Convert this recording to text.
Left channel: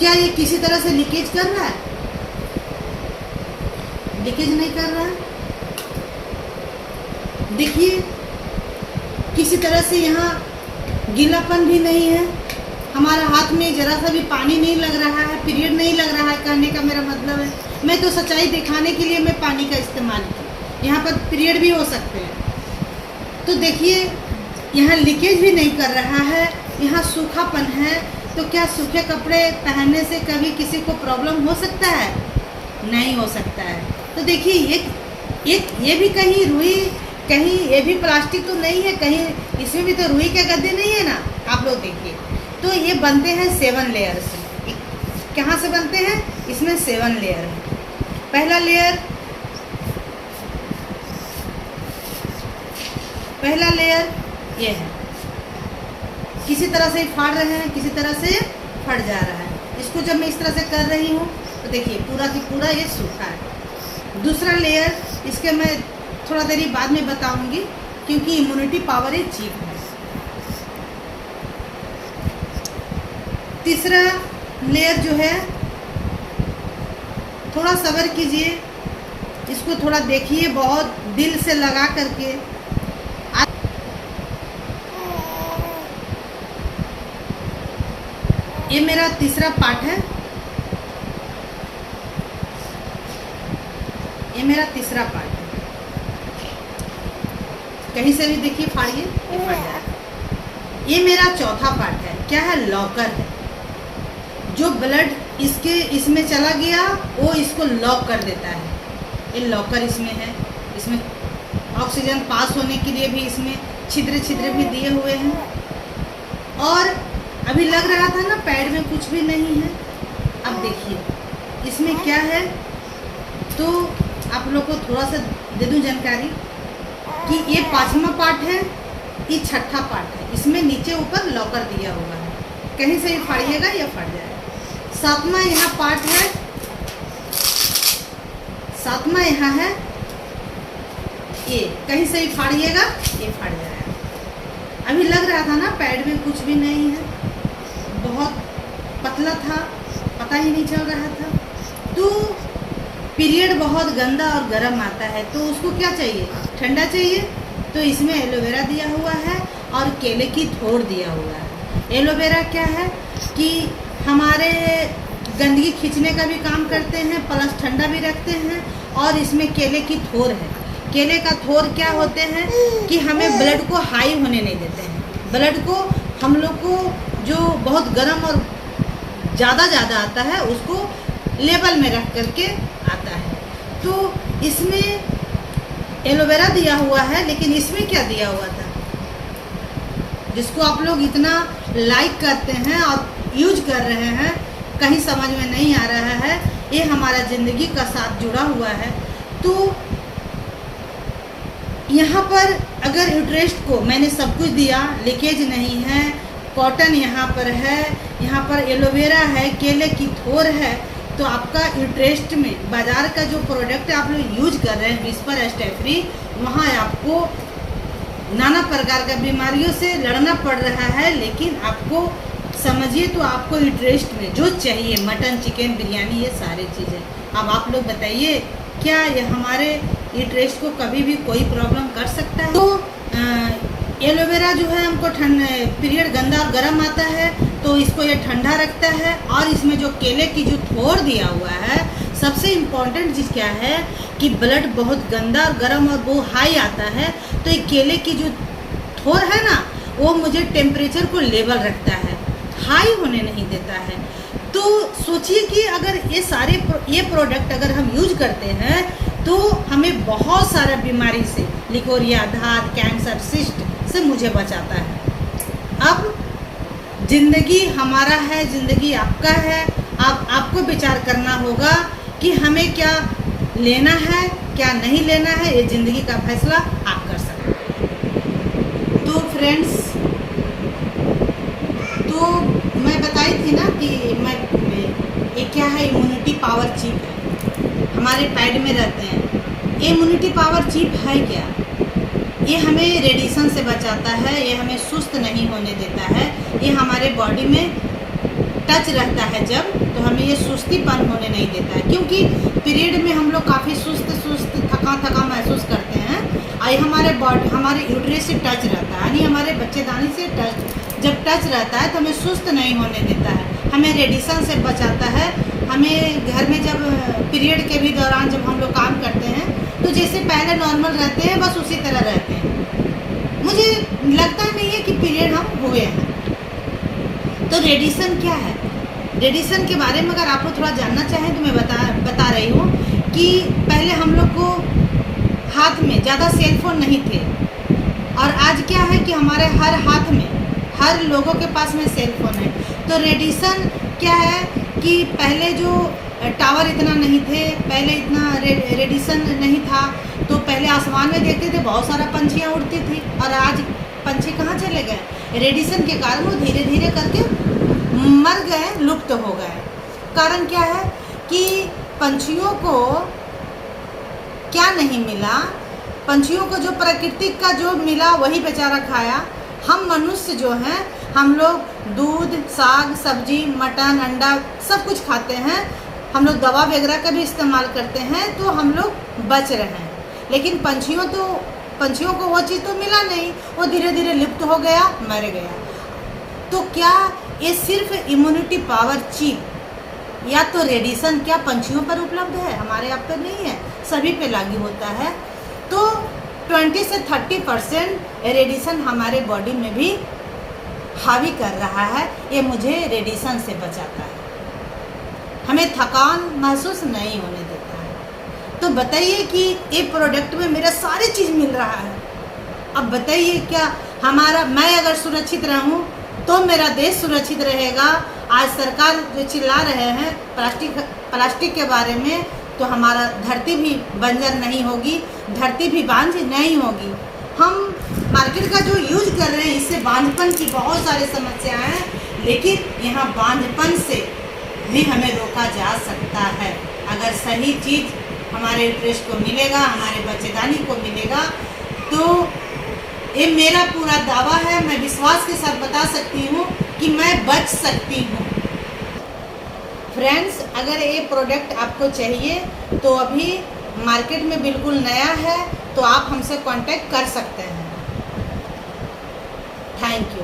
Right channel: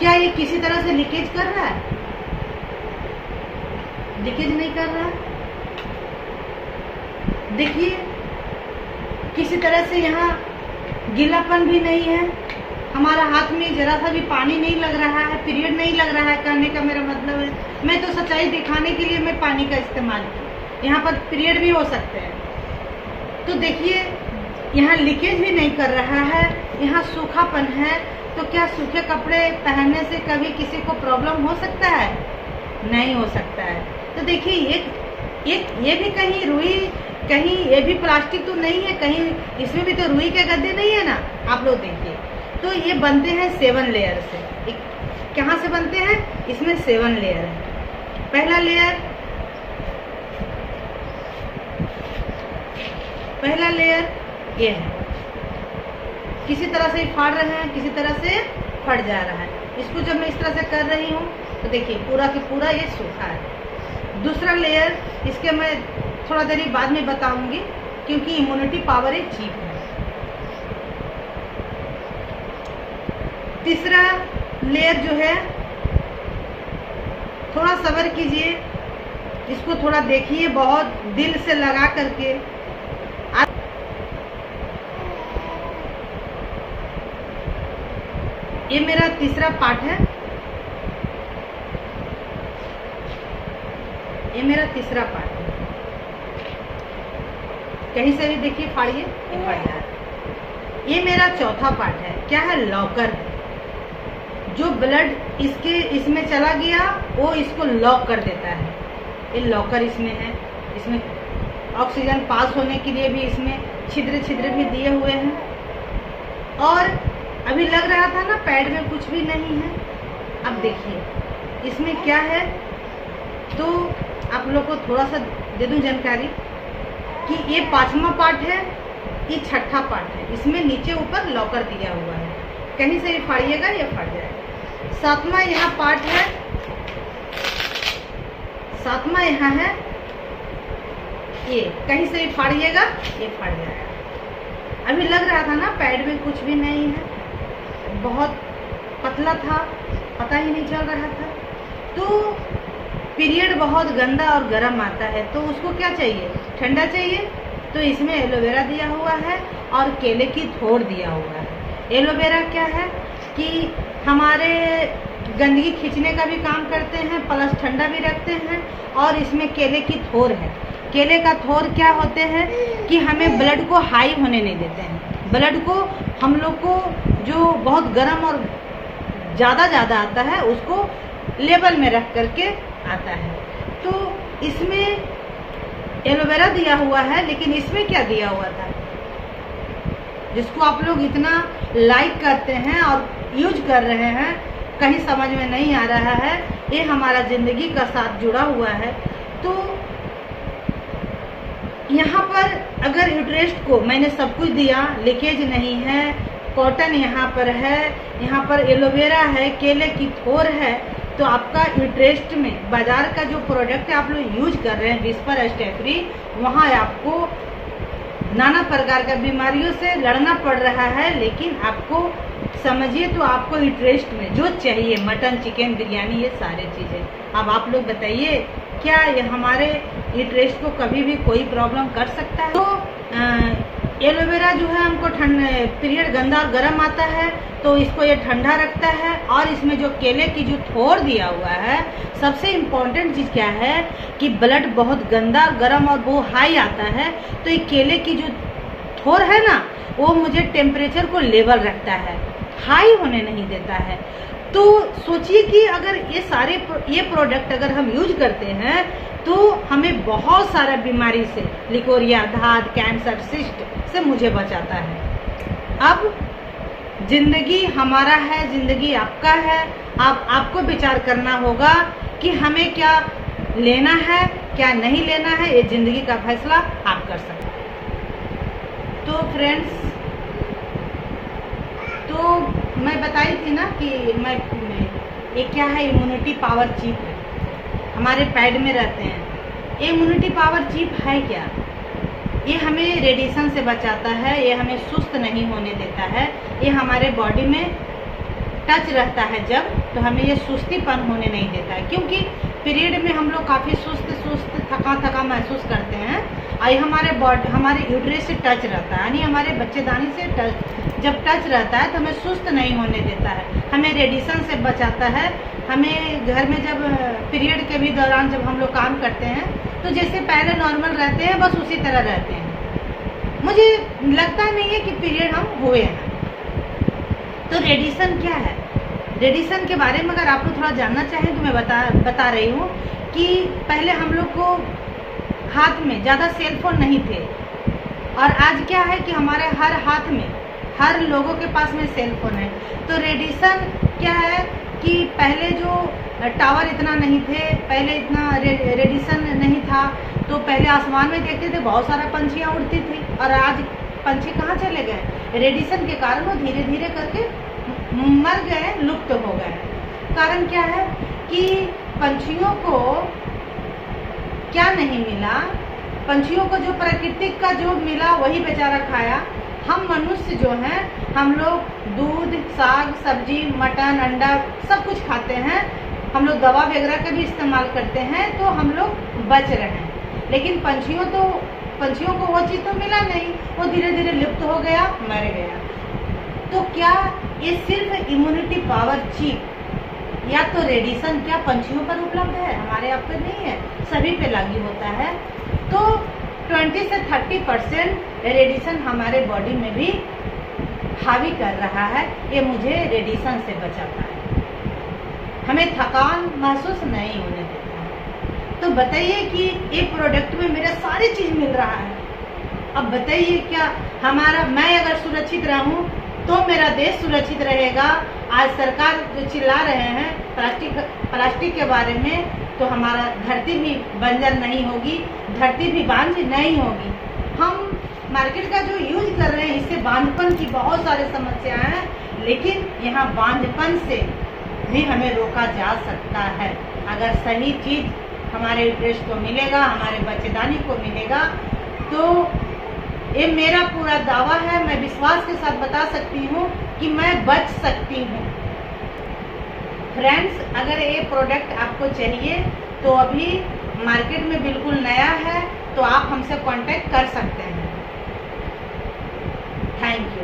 क्या ये किसी तरह से लीकेज कर रहा है? लीकेज नहीं कर रहा है। देखिए किसी तरह से यहाँ गीलापन भी नहीं है, हमारा हाथ में जरा सा भी पानी नहीं लग रहा है, पीरियड नहीं लग रहा है। कहने का मेरा मतलब है, मैं तो सच्चाई दिखाने के लिए मैं पानी का इस्तेमाल की। यहाँ पर पीरियड भी हो सकते हैं। तो देखिए यहाँ लीकेज भी नहीं कर रहा है, यहाँ सूखापन है। तो क्या सूखे कपड़े पहनने से कभी किसी को प्रॉब्लम हो सकता है? नहीं हो सकता है। तो देखिए एक ये भी कहीं रुई, कहीं ये भी प्लास्टिक तो नहीं है, कहीं इसमें भी तो रुई के गद्दे नहीं है ना। आप लोग देखिए, तो ये बनते हैं 7 लेयर से। कहाँ से बनते हैं? इसमें 7 लेयर है। पहला लेयर ये है, किसी तरह से फाड़ रहे हैं, किसी तरह से फट जा रहा है। इसको जब मैं इस तरह से कर रही हूँ तो देखिए पूरा की पूरा ये सूखा है। दूसरा लेयर, इसके मैं थोड़ा देरी बाद में बताऊंगी क्योंकि इम्यूनिटी पावर ये चीप है। तीसरा लेयर जो है, थोड़ा सब्र कीजिए, इसको थोड़ा देखिए बहुत दिल से लगा करके। ये मेरा तीसरा पार्ट है, ये मेरा तीसरा पार्ट है। कहीं से भी देखिए फाड़िए, ये फट जाए। ये मेरा चौथा पार्ट है। क्या है? लॉकर है। जो ब्लड इसमें चला गया वो इसको लॉक कर देता है। ये लॉकर इसमें है। इसमें ऑक्सीजन पास होने के लिए भी इसमें छिद्र भी दिए हुए हैं। और अभी लग रहा था ना पैड में कुछ भी नहीं है। अब देखिए इसमें क्या है, तो आप लोग को थोड़ा सा दे दूं जानकारी कि ये 5वां पार्ट है, ये 6ठा पार्ट है। इसमें नीचे ऊपर लॉकर दिया हुआ है, कहीं से भी फाड़िएगा या फट जाएगा। 7वां यहाँ पार्ट है, 7वां यहाँ है, ये कहीं से भी फाड़िएगा ये फट जाएगा। अभी लग रहा था ना पैड में कुछ भी नहीं है, बहुत पतला था, पता ही नहीं चल रहा था। तो पीरियड बहुत गंदा और गर्म आता है, तो उसको क्या चाहिए? ठंडा चाहिए। तो इसमें एलोवेरा दिया हुआ है और केले की थोड़ दिया हुआ है। एलोवेरा क्या है कि हमारे गंदगी खींचने का भी काम करते हैं, प्लस ठंडा भी रखते हैं। और इसमें केले की थोड़ है। केले का थोड़ क्या होते हैं कि हमें ब्लड को हाई होने नहीं देते हैं। ब्लड को हम लोग को जो बहुत गर्म और ज़्यादा आता है उसको लेवल में रख करके आता है। तो इसमें एलोवेरा दिया हुआ है, लेकिन इसमें क्या दिया हुआ था जिसको आप लोग इतना लाइक करते हैं और यूज कर रहे हैं, कहीं समझ में नहीं आ रहा है। ये हमारा ज़िंदगी का साथ जुड़ा हुआ है। तो यहाँ पर अगर यूट्रेस्ट को मैंने सब कुछ दिया, लीकेज नहीं है, कॉटन यहाँ पर है, यहाँ पर एलोवेरा है, केले की थोड़ है, तो आपका यूट्रेस्ट में बाज़ार का जो प्रोडक्ट आप लोग यूज कर रहे हैं विस्पर स्टेफ्री, वहाँ आपको नाना प्रकार का बीमारियों से लड़ना पड़ रहा है। लेकिन आपको समझिए तो आपको यूट्रेस्ट में जो चाहिए, मटन, चिकन, बिरयानी, ये सारी चीज़ें। अब आप लोग बताइए क्या ये हमारे यूट्रेस्ट को कभी भी कोई प्रॉब्लम कर सकता है? तो एलोवेरा जो है हमको पीरियड गंदा और गर्म आता है तो इसको ये ठंडा रखता है। और इसमें जो केले की जो थोड़ दिया हुआ है, सबसे इम्पॉर्टेंट चीज़ क्या है कि ब्लड बहुत गंदा और गर्म और वो हाई आता है, तो ये केले की जो थोड़ है ना, वो मुझे टेम्परेचर को लेवल रखता है, हाई होने नहीं देता है। तो सोचिए कि अगर ये प्रोडक्ट अगर हम यूज करते हैं तो हमें बहुत सारा बीमारी से, लिकोरिया, धात, कैंसर, सिस्ट से मुझे बचाता है। अब ज़िंदगी हमारा है, ज़िंदगी आपका है। अब आपको विचार करना होगा कि हमें क्या लेना है, क्या नहीं लेना है। ये ज़िंदगी का फैसला आप कर सकते हैं। तो फ्रेंड्स, तो मैं बताई थी ना कि ये क्या है, इम्यूनिटी पावर चिप है, हमारे पैड में रहते हैं। ये इम्यूनिटी पावर चिप है क्या? ये हमें रेडिएशन से बचाता है, ये हमें सुस्त नहीं होने देता है, ये हमारे बॉडी में टच रहता है जब, तो हमें ये सुस्तीपन होने नहीं देता है, क्योंकि पीरियड में हम लोग काफ़ी सुस्त थका महसूस करते हैं। और हमारे बॉडी, हमारे यूट्रस से टच रहता है, यानी हमारे बच्चेदानी से जब टच रहता है तो हमें सुस्त नहीं होने देता है, हमें रेडिएशन से बचाता है। हमें घर में जब पीरियड के भी दौरान जब हम लोग काम करते हैं तो जैसे पहले नॉर्मल रहते हैं, बस उसी तरह रहते हैं। मुझे लगता नहीं है कि पीरियड हम हुए हैं। तो रेडिएशन क्या है? रेडिएशन के बारे में अगर आप लोग थोड़ा जानना चाहें तो मैं बता रही हूँ कि पहले हम लोग को हाथ में ज़्यादा सेलफोन नहीं थे, और आज क्या है कि हमारे हर हाथ में, हर लोगों के पास में सेलफोन है। तो रेडिएशन क्या है कि पहले जो टावर इतना नहीं थे, पहले इतना रेडिएशन नहीं था, तो पहले आसमान में देखते थे बहुत सारा पंछियाँ उड़ती थी, और आज पंछी कहाँ चले गए? रेडिएशन के कारण वो धीरे धीरे करके मर गए, लुप्त हो गए। कारण क्या है कि पंछियों को क्या नहीं मिला, पंछियों को जो प्राकृतिक का जो मिला वही बेचारा खाया। हम मनुष्य जो हैं, हम लोग दूध, साग, सब्जी, मटन, अंडा सब कुछ खाते हैं, हम लोग दवा वगैरह का भी इस्तेमाल करते हैं, तो हम लोग बच रहे हैं। लेकिन पंछियों को वो चीज़ तो मिला नहीं, वो धीरे धीरे लुप्त हो गया, मर गया। तो क्या ये सिर्फ इम्यूनिटी पावर चीप या तो रेडिएशन क्या पंछियों पर उपलब्ध है, हमारे आप पे नहीं है? सभी पे लागू होता है। तो 20 से 30% रेडिएशन हमारे बॉडी में भी हावी कर रहा है। ये मुझे रेडिएशन से बचाता है, हमें थकान महसूस नहीं होने देता है। तो बताइए कि ये प्रोडक्ट में मेरा सारी चीज़ मिल रहा है। अब बताइए क्या मैं अगर सुरक्षित रहूं तो मेरा देश सुरक्षित रहेगा। आज सरकार जो चिल्ला रहे हैं प्लास्टिक के बारे में, तो हमारा धरती भी बंजर नहीं होगी, धरती भी बांझ नहीं होगी। हम मार्केट का जो यूज कर रहे हैं, इससे बांझपन की बहुत सारी समस्याएं हैं, लेकिन यहाँ बांझपन से भी हमें रोका जा सकता है अगर सही चीज़ हमारे यूट्रस को मिलेगा, हमारे बच्चेदानी को मिलेगा। तो ये मेरा पूरा दावा है, मैं विश्वास के साथ बता सकती हूँ कि मैं बच सकती हूँ। फ्रेंड्स, अगर ये प्रोडक्ट आपको चाहिए तो अभी मार्केट में बिल्कुल नया है, तो आप हमसे कांटेक्ट कर सकते हैं। Thank you.